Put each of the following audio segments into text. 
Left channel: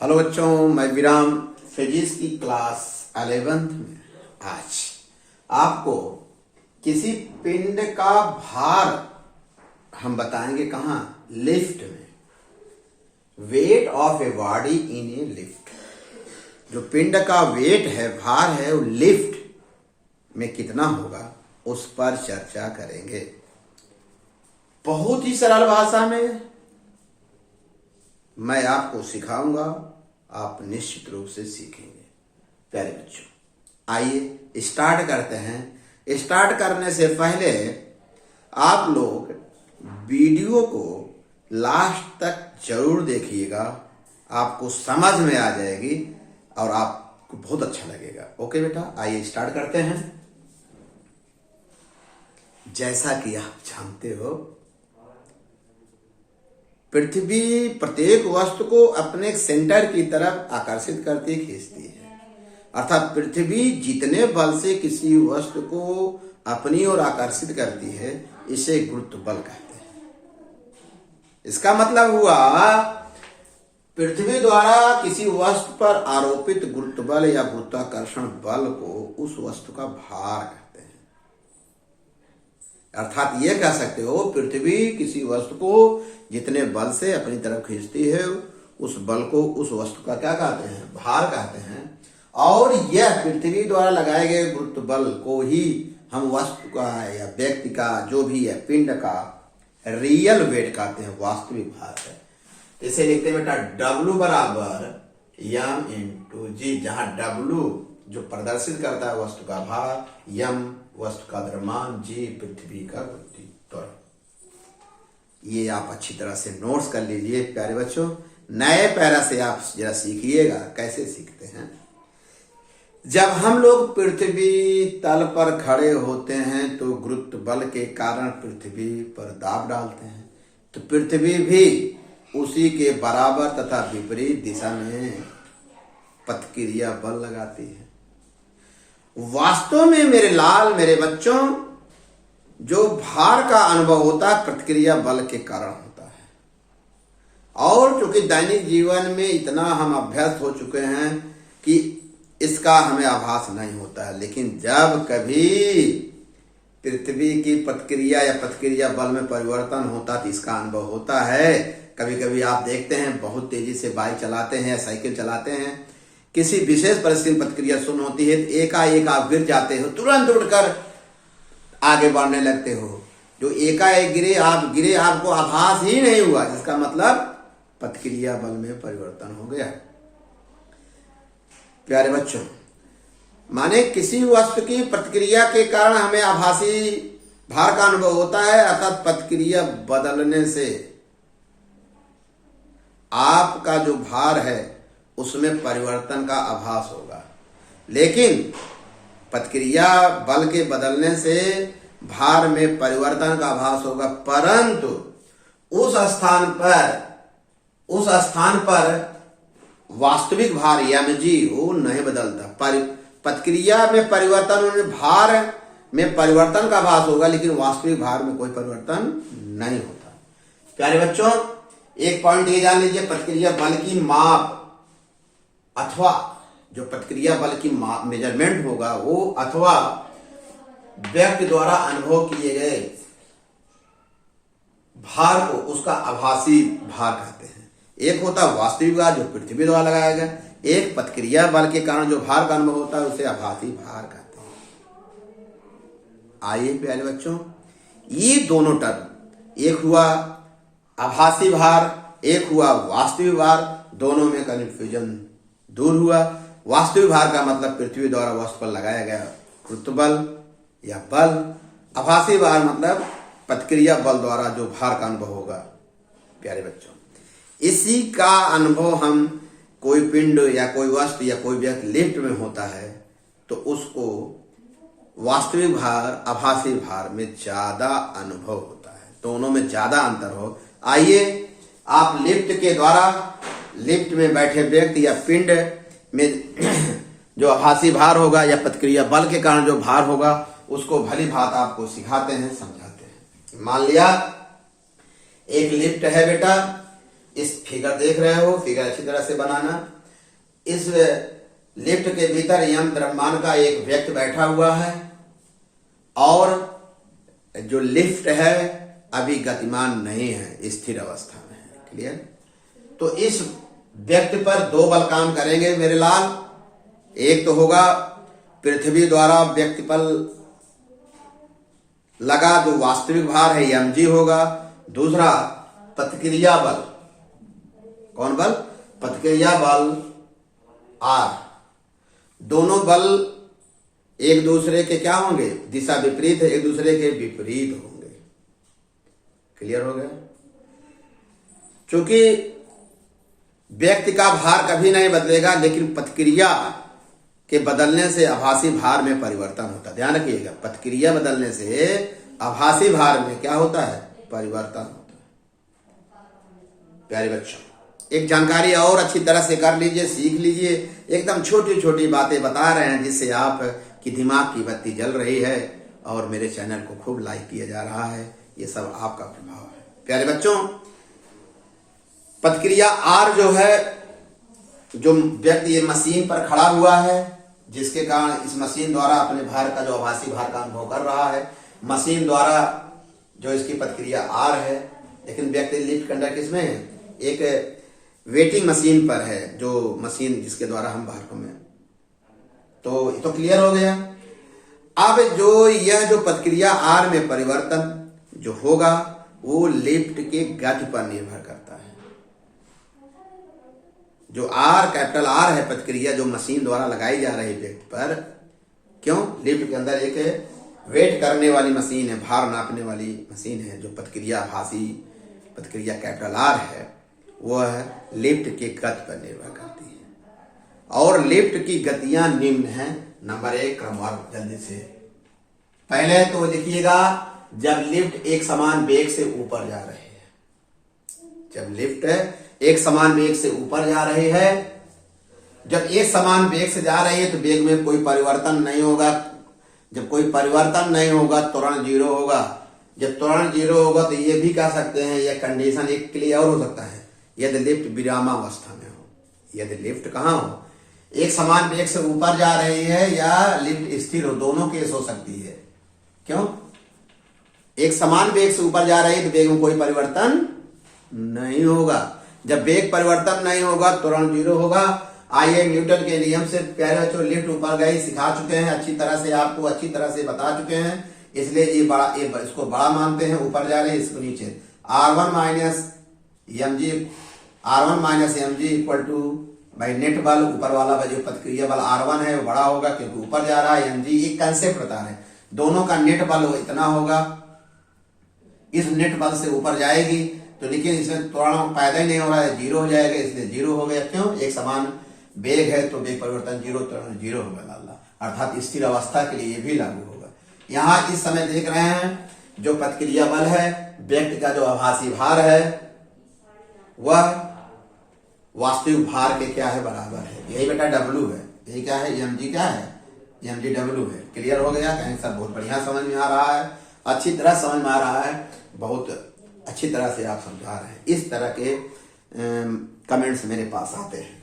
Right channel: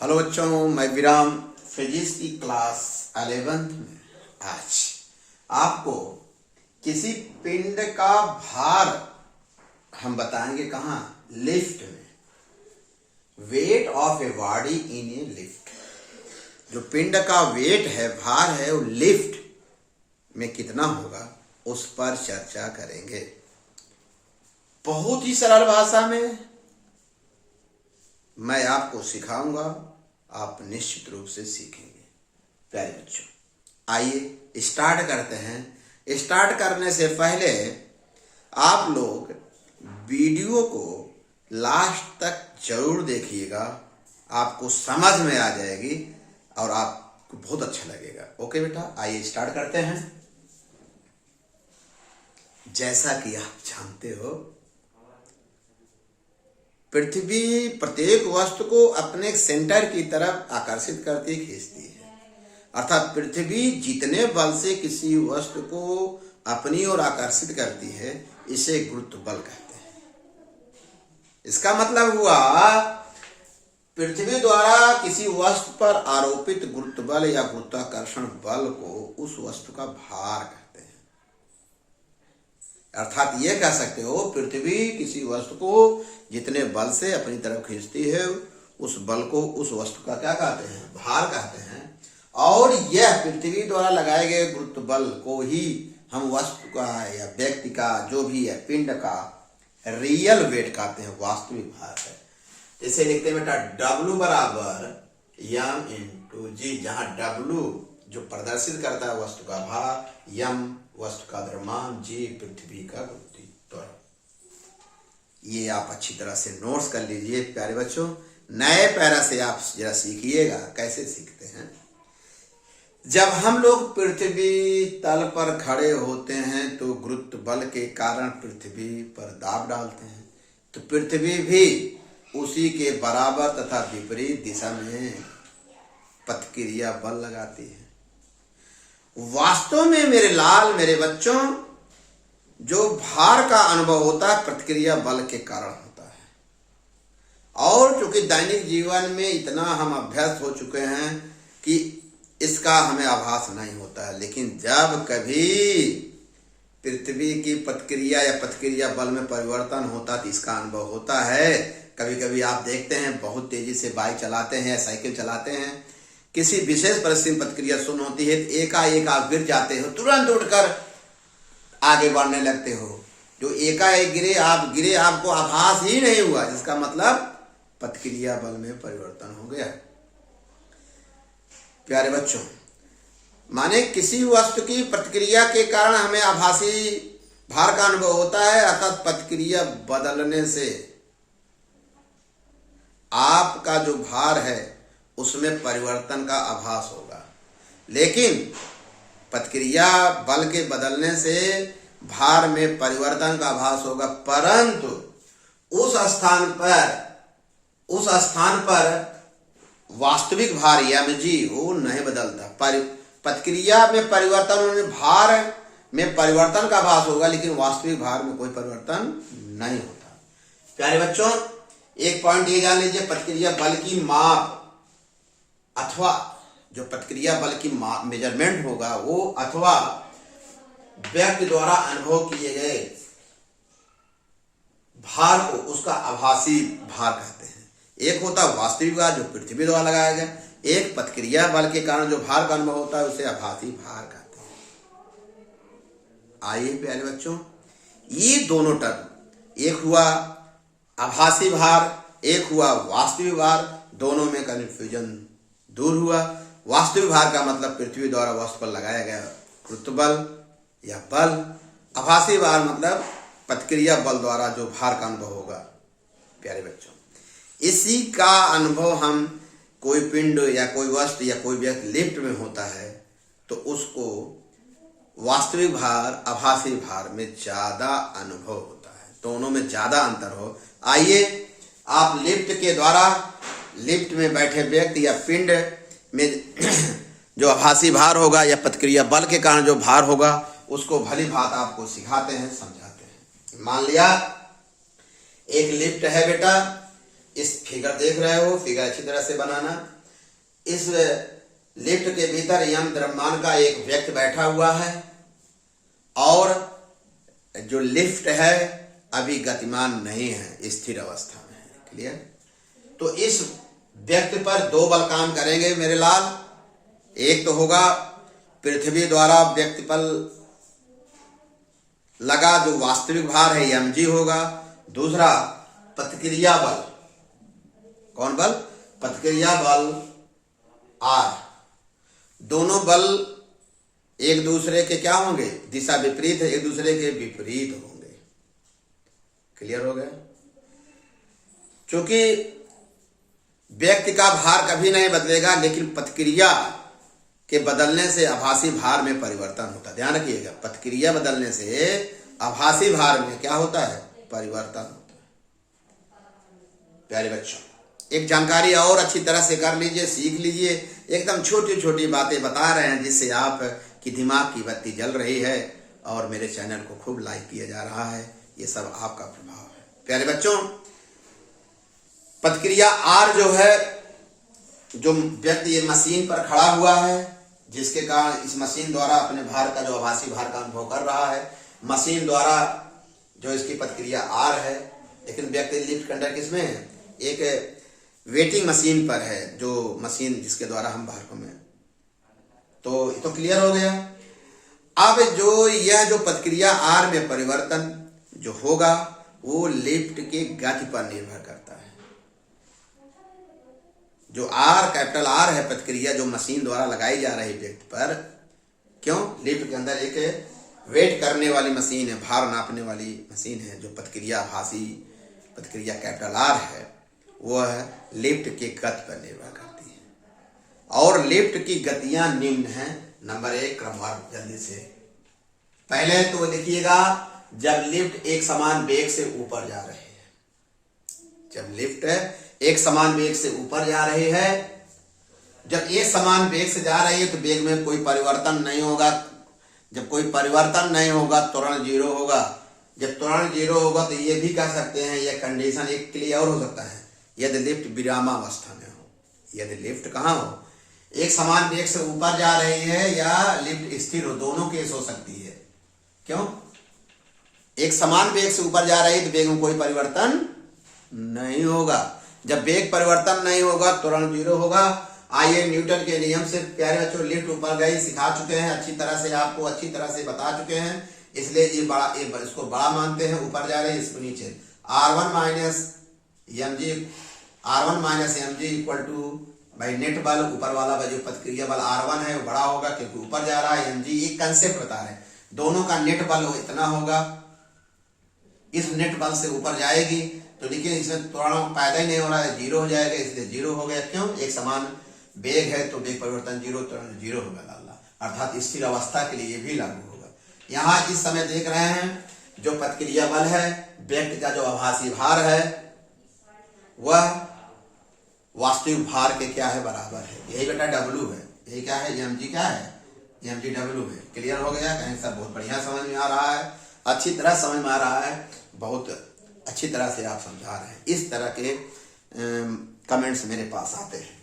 Hello बच्चों, मैं विराम फिजिक्स की क्लास 11th में आज आपको किसी पिंड का भार हम बताएंगे कहाँ, लिफ्ट में। Weight of a body in A lift. जो पिंड का वेट है, भार है, वो लिफ्ट में कितना होगा उस पर चर्चा करेंगे। बहुत ही सरल भाषा में मैं आपको सिखाऊंगा, आप निश्चित रूप से सीखेंगे। प्यारे बच्चों, आइए स्टार्ट करते हैं। स्टार्ट करने से पहले आप लोग वीडियो को लास्ट तक जरूर देखिएगा, आपको समझ में आ जाएगी और आपको बहुत अच्छा लगेगा। ओके बेटा, आइए स्टार्ट करते हैं। जैसा कि आप जानते हो, पृथ्वी प्रत्येक वस्तु को अपने सेंटर की तरफ आकर्षित करती, खींचती है। अर्थात पृथ्वी जितने बल से किसी वस्तु को अपनी ओर आकर्षित करती है, इसे गुरुत्व बल कहते हैं। इसका मतलब हुआ, पृथ्वी द्वारा किसी वस्तु पर आरोपित गुरुत्व बल या गुरुत्वाकर्षण बल को उस वस्तु का भार कहते हैं। अर्थात ये कह सकते हो, पृथ्वी किसी वस्तु को जितने बल से अपनी तरफ खींचती है, उस बल को, उस वस्तु का क्या कहते हैं, भार कहते हैं। और यह पृथ्वी द्वारा लगाए गए गुरुत्व बल को ही हम वस्तु का या व्यक्ति का, जो भी है, पिंड का रियल वेट कहते हैं, वास्तविक भार है। इसे लिखते हैं बेटा, W बराबर m इंटू जी, जहां W जो प्रदर्शित करता है वस्तु का भार, m वस्तु का द्रव्यमान, जी पृथ्वी का गुरुत्व। ये आप अच्छी तरह से नोट्स कर लीजिए प्यारे बच्चों। नए पैरा से आप जरा सीखिएगा। कैसे सीखते हैं? जब हम लोग पृथ्वी तल पर खड़े होते हैं तो गुरुत्व बल के कारण पृथ्वी पर दाब डालते हैं, तो पृथ्वी भी उसी के बराबर तथा विपरीत दिशा में प्रतिक्रिया बल लगाती है। वास्तव में मेरे बच्चों, जो भार का अनुभव होता है प्रतिक्रिया बल के कारण होता है। और क्योंकि दैनिक जीवन में इतना हम अभ्यस्त हो चुके हैं कि इसका हमें आभास नहीं होता है, लेकिन जब कभी पृथ्वी की प्रतिक्रिया या प्रतिक्रिया बल में परिवर्तन होता है तो इसका अनुभव होता है। कभी कभी आप देखते हैं, बहुत तेजी से बाइक चलाते हैं या साइकिल चलाते हैं, किसी विशेष परिस्थिति में प्रतिक्रिया शून्य होती है, एकाएक आप गिर जाते हो, तुरंत उठकर आगे बढ़ने लगते हो। जो एकाएक गिरे, आपको आभास ही नहीं हुआ, जिसका मतलब प्रतिक्रिया बल में परिवर्तन हो गया। प्यारे बच्चों, माने किसी वस्तु की प्रतिक्रिया के कारण हमें आभासी भार का अनुभव होता है, अर्थात प्रतिक्रिया बदलने से आपका जो भार है उसमें परिवर्तन का आभास होगा। लेकिन प्रतिक्रिया बल के बदलने से भार में परिवर्तन का आभास होगा, परंतु उस स्थान पर वास्तविक भार mg वो नहीं बदलता। प्रतिक्रिया में परिवर्तन होने, भार में परिवर्तन का आभास होगा, लेकिन वास्तविक भार में कोई परिवर्तन नहीं होता। प्यारे बच्चों, एक पॉइंट ये जान लीजिए, प्रतिक्रिया बल की माप अथवा जो प्रतिक्रिया बल की मेजरमेंट होगा वो, अथवा व्यक्ति द्वारा अनुभव किए गए भार को, उसका आभासी भार कहते हैं। एक होता है वास्तविक भार जो पृथ्वी द्वारा लगाया गया, एक प्रतिक्रिया बल के कारण जो भार का अनुभव होता है उसे आभासी भार कहते हैं। आइए प्यारे बच्चों, ये दोनों टर्म, एक हुआ आभासी भार, एक हुआ वास्तविक भार, दोनों में कन्फ्यूजन दूर हुआ। वास्तविक भार का मतलब पृथ्वी द्वारा वस्तु पर लगाया गया गुरुत्व बल या बल। आभासी भार मतलब प्रतिक्रिया बल द्वारा जो भार का अनुभव होगा। प्यारे बच्चों, इसी का अनुभव हम, कोई पिंड या कोई वस्तु या कोई व्यक्ति लिफ्ट में होता है तो उसको वास्तविक भार आभासी भार में ज्यादा अनुभव होता है, दोनों में ज्यादा अंतर हो। आइए आप लिफ्ट के द्वारा, लिफ्ट में बैठे व्यक्ति या पिंड में जो आभासी भार होगा या प्रतिक्रिया बल के कारण जो भार होगा, उसको भली भांति आपको सिखाते हैं, समझाते हैं। मान लिया एक लिफ्ट है बेटा, इस फिगर देख रहे हो, फिगर अच्छी तरह से बनाना। इस लिफ्ट के भीतर यम द्रव्यमान का एक व्यक्ति बैठा हुआ है और जो लिफ्ट है अभी गतिमान नहीं है, स्थिर अवस्था में है। क्लियर? तो इस व्यक्ति पर दो बल काम करेंगे मेरे लाल। एक तो होगा पृथ्वी द्वारा व्यक्ति पर लगा जो वास्तविक भार है mg होगा। दूसरा प्रतिक्रिया बल, कौन बल? प्रतिक्रिया बल r। दोनों बल एक दूसरे के क्या होंगे? दिशा विपरीत है, एक दूसरे के विपरीत होंगे। क्लियर हो गया? क्योंकि व्यक्ति का भार कभी नहीं बदलेगा, लेकिन प्रतिक्रिया के बदलने से आभासी भार में परिवर्तन होता है। ध्यान रखिएगा, प्रतिक्रिया बदलने से आभासी भार में क्या होता है? परिवर्तन होता है। प्यारे बच्चों, एक जानकारी और अच्छी तरह से कर लीजिए, सीख लीजिए। एकदम छोटी छोटी बातें बता रहे हैं जिससे आप की दिमाग की बत्ती जल रही है और मेरे चैनल को खूब लाइक किया जा रहा है। ये सब आपका प्रभाव है। प्यारे बच्चों, प्रतिक्रिया आर जो है, जो व्यक्ति ये मशीन पर खड़ा हुआ है, जिसके कारण इस मशीन द्वारा अपने भार का जो आभासी भार का अनुभव कर रहा है, मशीन द्वारा जो इसकी प्रतिक्रिया आर है, लेकिन व्यक्ति लिफ्ट के अंदर किसमें है? एक वेटिंग मशीन पर है, जो मशीन जिसके द्वारा हम भार को में। तो ये तो क्लियर हो गया। अब जो यह जो प्रतिक्रिया आर में परिवर्तन जो होगा वो लिफ्ट के गति पर निर्भर करता है। जो आर, कैपिटल आर है प्रतिक्रिया जो मशीन द्वारा लगाई जा रही व्यक्ति पर, क्यों? लिफ्ट के अंदर एक वेट करने वाली मशीन है, भार नापने वाली मशीन है। जो प्रतिक्रिया आभासी प्रतिक्रिया कैपिटल आर है वह लिफ्ट के गति पर निर्भर करती है। और लिफ्ट की गतियां निम्न हैं। नंबर 1 क्रमवार जल्दी से। पहले तो देखिएगा, जब लिफ्ट एक समान वेग से ऊपर जा रही है, जब लिफ्ट एक समान वेग से ऊपर जा रही है, जब एक समान वेग से जा रही है तो वेग में कोई परिवर्तन नहीं होगा। जब कोई परिवर्तन नहीं होगा त्वरण 0 होगा। जब त्वरण 0 होगा तो ये भी कह सकते हैं, यह कंडीशन एक के लिए और हो सकता है, यदि लिफ्ट विरामावस्था में हो। यदि लिफ्ट कहाँ हो? एक समान वेग से ऊपर जा रही है या लिफ्ट स्थिर हो, दोनों केस हो सकती है। क्यों? एक समान वेग से ऊपर जा रही है तो वेग में कोई परिवर्तन नहीं होगा। जब वेग परिवर्तन नहीं होगा त्वरण 0 होगा। आइए न्यूटन के नियम से प्यारे बच्चों, लिफ्ट ऊपर गई, सिखा चुके हैं अच्छी तरह से, आपको अच्छी तरह से बता चुके हैं, इसलिए ये बड़ा, इसको बड़ा मानते हैं। ऊपर जा रहे हैं, इसको नीचे। R1 minus mg equal to भाई नेट बल, ऊपर वाला जो प्रतिक्रिया बल R1 है वो बड़ा होगा क्योंकि ऊपर जा रहा है। mg एक कंसेप्ट बता है, दोनों का नेट बल इतना होगा। इस नेट बल से ऊपर जाएगी तो देखिए इसमें त्वरण पैदा ही नहीं हो रहा है, 0 हो जाएगा, इसलिए 0 हो गया। क्यों? एक समान वेग है तो वेग परिवर्तन 0, त्वरण 0 होगा लाला, अर्थात स्थिर अवस्था के लिए भी लागू होगा। यहाँ इस समय देख रहे हैं जो प्रतिक्रिया बल है, व्यक्ति का जो आभासी भार है वह वास्तविक भार के क्या है? बराबर है। यही बेटा W है। यही क्या है? mg क्या है? mg W है। क्लियर हो गया? कहीं सब बहुत बढ़िया समझ में आ रहा है, अच्छी तरह समझ में आ रहा है, बहुत अच्छी तरह से आप समझा रहे हैं। इस तरह के कमेंट्स मेरे पास आते हैं।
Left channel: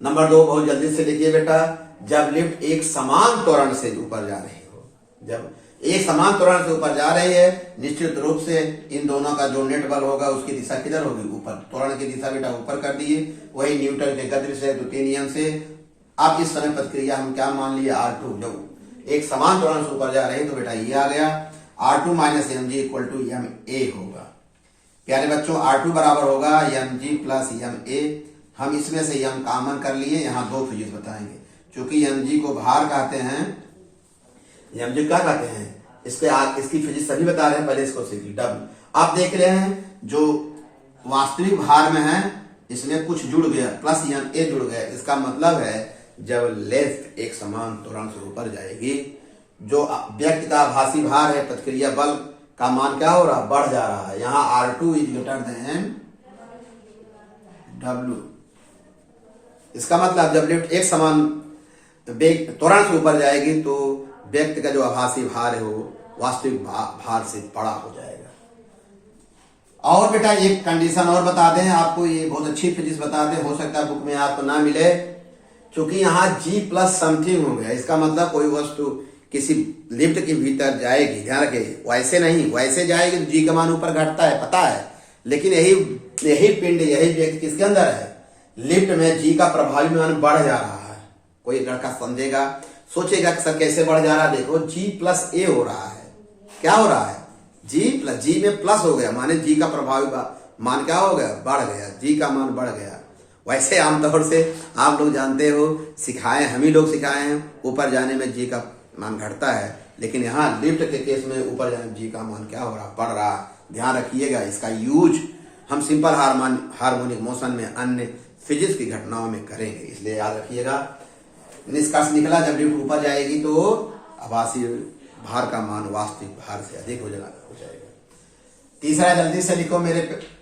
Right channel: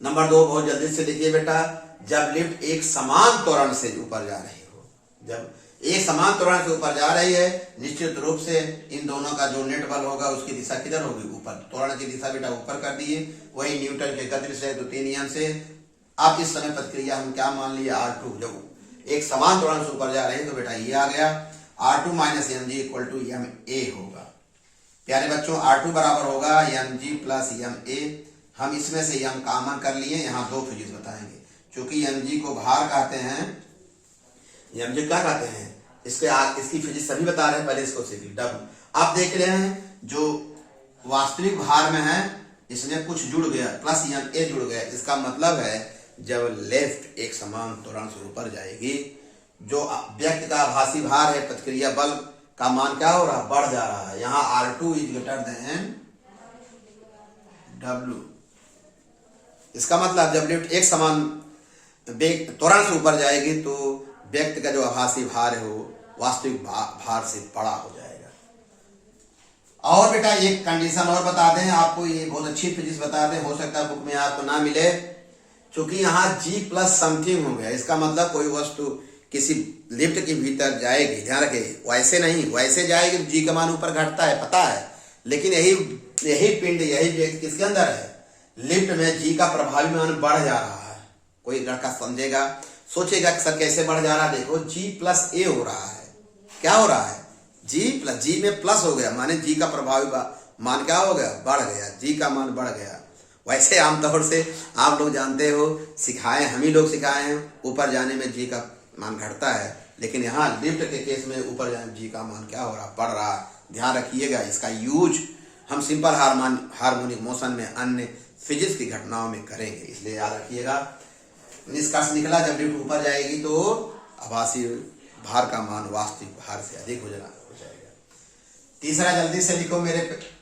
नंबर 2 बहुत जल्दी से लिखिए बेटा, जब लिफ्ट एक समान त्वरण से ऊपर जा रही हो, जब एक समान त्वरण से ऊपर जा रही है, निश्चित रूप से इन दोनों का जो नेट बल होगा उसकी दिशा किधर होगी? ऊपर। त्वरण की दिशा बेटा ऊपर कर दिए, वही न्यूटन के गति से द्वितीय नियम से। अब इस समय प्रतिक्रिया हम क्या मान लिए? R2। जब एक समान त्वरण से ऊपर जा रही है तो बेटा ये आ गया, R2 minus mg equal to ma होगा। प्यारे बच्चों, R2 बराबर होगा mg प्लस ma। हम इसमें से m कॉमन कर लिए, यहाँ 2 फिजिक्स बताएंगे। चूंकि mg को भार कहते हैं, mg क्या कहते हैं, इसकी फिजिक्स सभी बता रहे हैं, पहले इसको सीखिए। W आप देख रहे हैं जो वास्तविक भार में है इसमें कुछ जुड़ गया, प्लस ma जुड़ गया। इसका मतलब है जब लिफ्ट एक समान त्वरण से ऊपर जाएगी, जो व्यक्ति का आभासी भार है, प्रतिक्रिया बल का मान क्या हो रहा? बढ़ जा रहा है। यहाँ R2 is greater than W। इसका मतलब जब लिफ्ट एक समान वेग त्वरण से ऊपर जाएगी तो व्यक्ति का जो आभासी भार है वो वास्तविक भार से बड़ा हो जाएगा। और बेटा एक कंडीशन और बता दें आपको, ये बहुत अच्छी फिजिक्स बता दें, हो सकता है बुक में आपको ना मिले। क्योंकि यहाँ G प्लस समथिंग हो गया, इसका मतलब कोई वस्तु किसी लिफ्ट के भीतर जाएगी, ध्यान रखिए, वैसे नहीं, वैसे जाएगी तो G का मान ऊपर घटता है, पता है। लेकिन यही पिंड, यही व्यक्ति किसके अंदर है, लिफ्ट में G का प्रभावी मान बढ़ जा रहा है। कोई लड़का समझेगा, सोचेगा कि सर कैसे बढ़ जा रहा है, देखो G प्लस A हो रहा है। क्या हो रहा है, G में प्लस हो गया, माने G का प्रभावी मान क्या हो गया, बढ़ गया, G का मान बढ़ गया। वैसे आमतौर से आप लोग जानते हो, सिखाए, हम ही लोग सिखाए हैं, ऊपर जाने में G का मान घटता है, लेकिन यहाँ लिफ्ट के केस में ऊपर जाने में G का मान क्या हो रहा, बढ़ रहा। ध्यान रखिएगा, इसका यूज हम सिंपल हार्मोनिक मोशन में, अन्य फिजिक्स की घटनाओं में करेंगे, इसलिए याद रखिएगा। निष्कर्ष निकला, जब लिफ्ट ऊपर जाएगी तो आभासी भार का मान वास्तविक भार से अधिक हो जाएगा। तीसरा जल्दी से लिखो मेरे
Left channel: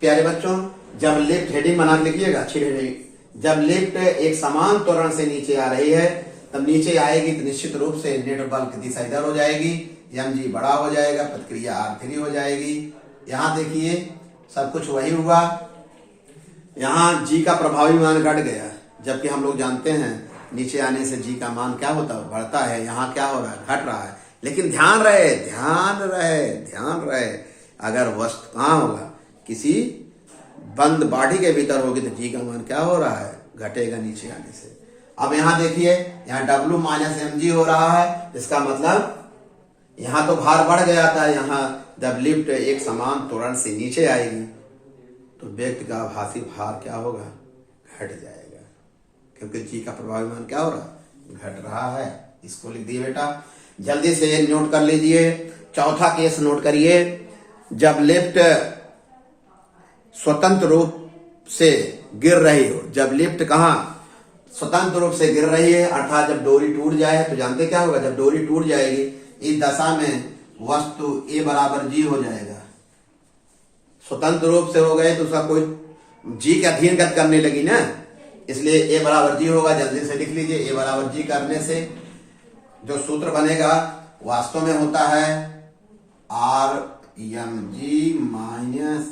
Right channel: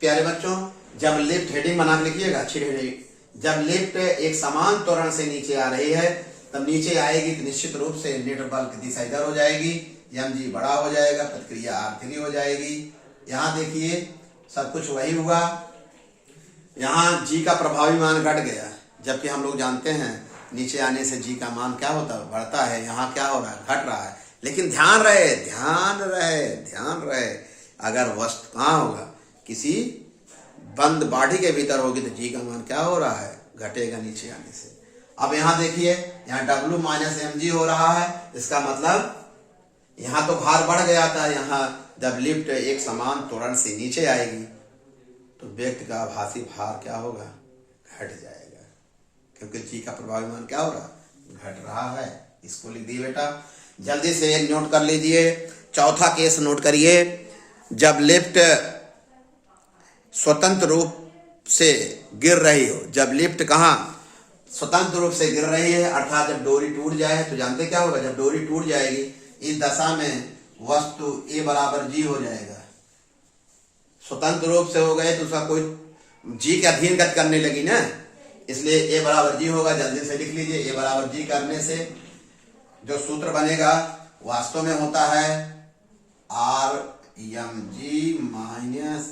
प्यारे बच्चों, जब लिफ्ट, हेडिंग बना के लिखिएगा, अच्छी हेडिंग। जब लिफ्ट एक समान त्वरण से नीचे आ रही है, तब नीचे आएगी तो निश्चित रूप से नेट बल की दिशा इधर हो जाएगी, mg बड़ा हो जाएगा, प्रतिक्रिया r3 हो जाएगी। यहाँ देखिए सब कुछ वही हुआ, यहाँ G का प्रभावी मान घट गया, जबकि हम लोग जानते हैं नीचे आने से G का मान क्या होता है, बढ़ता है। यहाँ क्या हो रहा है, घट रहा है। लेकिन ध्यान रहे, अगर वस्तु कहाँ होगा, किसी बंद बॉडी के भीतर होगी तो G का मान क्या हो रहा है, घटेगा नीचे आने से। अब यहाँ देखिए, यहाँ W माइनस mg हो रहा है, इसका मतलब यहाँ तो भार बढ़ गया था, यहाँ जब लिफ्ट एक समान त्वरण से नीचे आएगी तो व्यक्ति का आभासी भार क्या होगा, घट जाएगा, क्योंकि G का प्रभावी मान क्या हो रहा, घट रहा है। इसको लिख दिए बेटा, जल्दी से नोट कर लीजिए। चौथा केस नोट करिए, जब लिफ्ट स्वतंत्र रूप से गिर रही हो, जब लिफ्ट कहाँ स्वतंत्र रूप से गिर रही है, अर्थात जब डोरी टूट जाए, तो जानते क्या होगा, जब डोरी टूट जाएगी इस दशा में वस्तु A बराबर G हो जाएगा। स्वतंत्र रूप से हो गए तो उसका कोई G के अधीन गति करने लगी ना, इसलिए A बराबर G होगा। जल्दी से लिख लीजिए, A बराबर G करने से जो सूत्र बनेगा वास्तव में होता है RmG माइनस,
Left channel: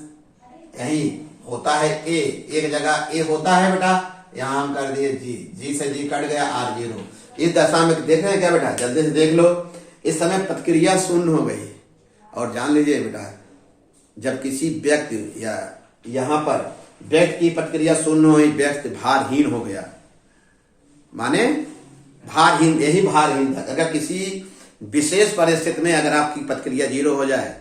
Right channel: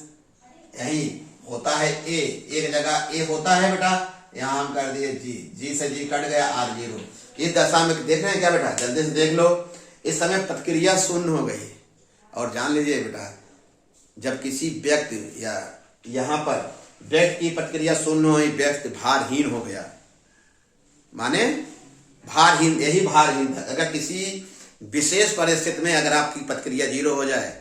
यही होता है A, एक जगह A होता है बेटा, यहाँ हम कर दिए G से G कट गया, R0। इस दशा में देख रहे हैं क्या बेटा, जल्दी से देख लो, इस समय प्रतिक्रिया शून्य हो गई। और जान लीजिए बेटा, जब किसी व्यक्ति या यहाँ पर व्यक्ति की प्रतिक्रिया शून्य हुई, व्यक्ति भारहीन हो गया, माने भारहीन, यही भारहीन था। अगर किसी विशेष परिस्थिति में अगर आपकी प्रतिक्रिया 0 हो जाए,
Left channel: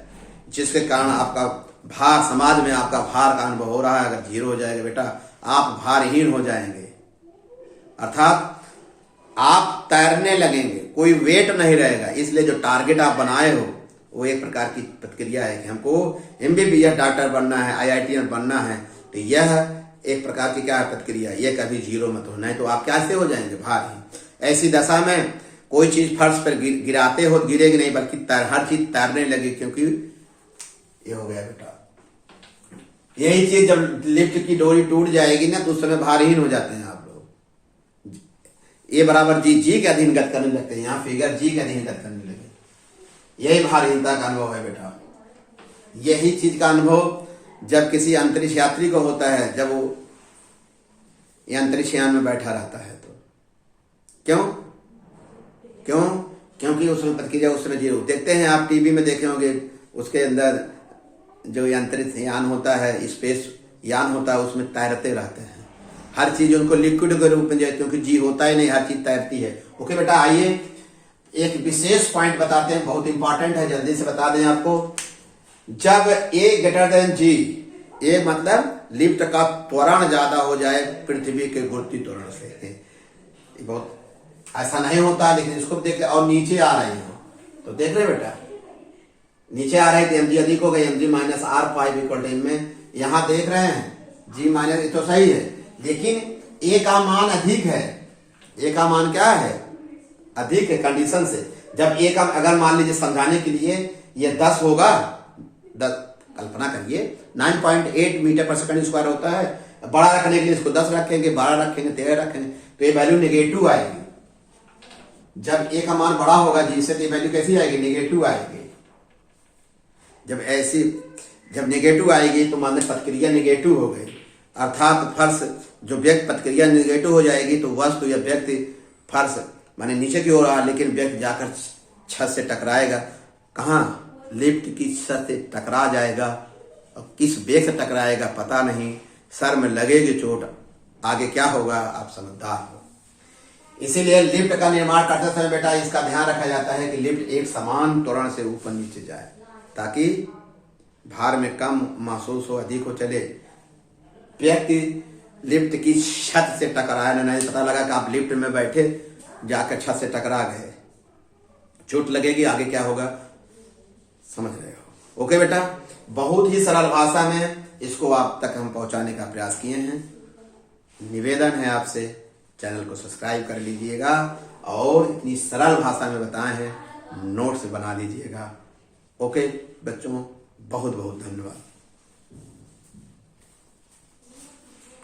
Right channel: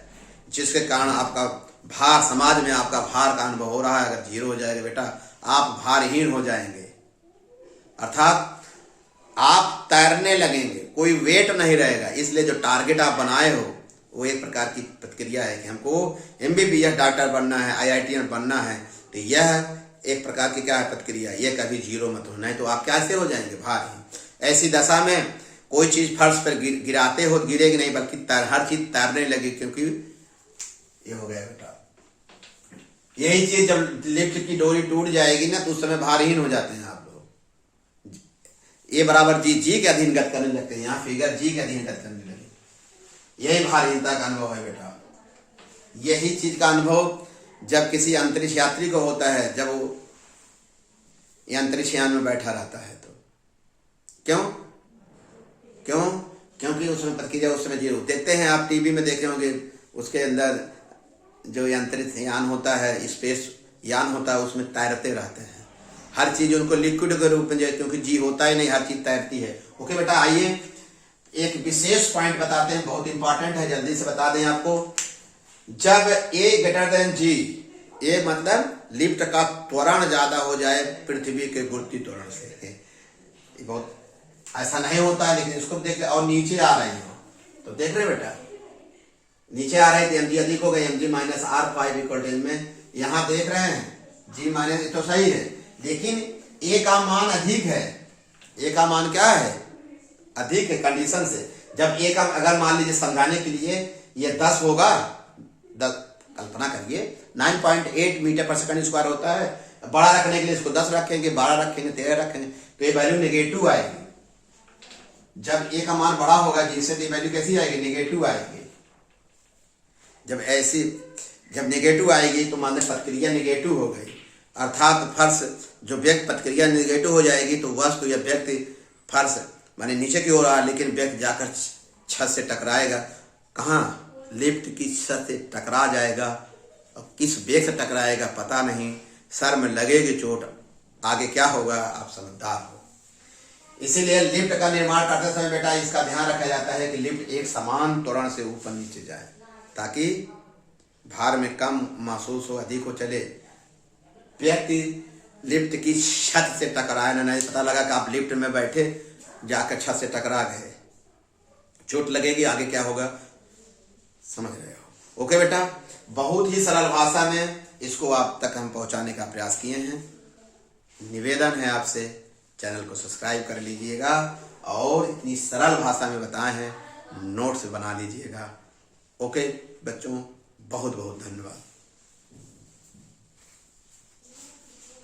जिसके कारण आपका भार, समाज में आपका भार का अनुभव हो रहा है, अगर 0 हो जाएगा बेटा, आप भारहीन हो जाएंगे, अर्थात आप तैरने लगेंगे, कोई वेट नहीं रहेगा। इसलिए जो टारगेट आप बनाए हो वो एक प्रकार की प्रतिक्रिया है कि हमको MBBS डॉक्टर बनना है, IITian बनना है, तो यह एक प्रकार की क्या है, प्रतिक्रिया, ये कभी 0 मत हो, नहीं तो आप कैसे हो जाएंगे, भारहीन। ऐसी दशा में कोई चीज फर्श पर गिराते हो, गिरेगी नहीं, बल्कि हर चीज तैरने लगी, क्योंकि ये हो गया बेटा। यही चीज जब लिफ्ट की डोरी टूट जाएगी ना, तो उस समय भारहीन हो जाते हैं आप लोग। A बराबर G के अधीन गति करने लगते हैं, यहाँ फिगर G के अधीन गति करने लगे, यही भारहीनता का अनुभव है बेटा। यही चीज का अनुभव जब किसी अंतरिक्ष यात्री को होता है, जब वो अंतरिक्ष यान में बैठा रहता है, तो क्योंकि उसमें प्रतिक्रिया उस समय 0। देखते हैं आप, टीवी में देखे होंगे, उसके अंदर जो अंतरिक्ष यान होता है, स्पेस यान होता है, उसमें तैरते रहते हैं, हर चीज उनको लिक्विड के रूप में जाए, क्योंकि G होता ही नहीं, हर चीज तैरती है। ओके बेटा, आइए एक विशेष पॉइंट बताते हैं, बहुत इंपॉर्टेंट है, जल्दी से बता दें आपको। जब A greater than G, A मतलब लिफ्ट का त्वरण ज्यादा हो जाए पृथ्वी के गुरुत्वीय त्वरण से, बहुत ऐसा नहीं होता, लेकिन इसको देख ले, और नीचे आ रही हो, तो देख रहे बेटा, नीचे आ रही थी, mg अधिक हो गई, mg minus R5 equal to में, यहाँ देख रहे हैं G माइनस, तो सही है, लेकिन A का मान अधिक है, A का मान क्या है, अधिक है कंडीशन से। जब A का, अगर मान लीजिए समझाने के लिए ये 10 होगा, 10 कल्पना करिए 9.8 मीटर पर सेकंड स्क्वायर होता है, बड़ा रखने के लिए इसको 10 रखेंगे, 12 रखेंगे, 13 रखेंगे, तो ये वैल्यू नेगेटिव आएगी। जब A का मान बड़ा होगा G से, तो ये वैल्यू कैसी आएगी, नेगेटिव आएगी। जब ऐसी जब नेगेटिव आएगी तो मान लें प्रतिक्रिया नेगेटिव हो गई, अर्थात फर्श जो व्यक्ति प्रतिक्रिया नेगेटिव हो जाएगी तो वस्तु या व्यक्ति फर्श माने नीचे की ओर आ, लेकिन व्यक्ति जाकर छत से टकराएगा। कहाँ? लिफ्ट की छत से टकरा जाएगा, और किस वेग से टकराएगा पता नहीं, सर में लगेगी चोट, आगे क्या होगा आप समझदार हो। इसीलिए लिफ्ट का निर्माण करते समय बेटा इसका ध्यान रखा जाता है कि लिफ्ट एक समान त्वरण से ऊपर नीचे जाए, ताकि भार में कम महसूस हो, अधिक हो चले। व्यक्ति लिफ्ट की छत से टकराया ना, नहीं पता लगा कि आप लिफ्ट में बैठे जाकर छत से टकरा गए, चोट लगेगी, आगे क्या होगा समझ रहे हो। ओके बेटा, बहुत ही सरल भाषा में इसको आप तक हम पहुंचाने का प्रयास किए हैं। निवेदन है आपसे चैनल को सब्सक्राइब कर लीजिएगा और इतनी सरल भाषा में बताए हैं नोट्स बना लीजिएगा। ओके बच्चों, बहुत बहुत धन्यवाद।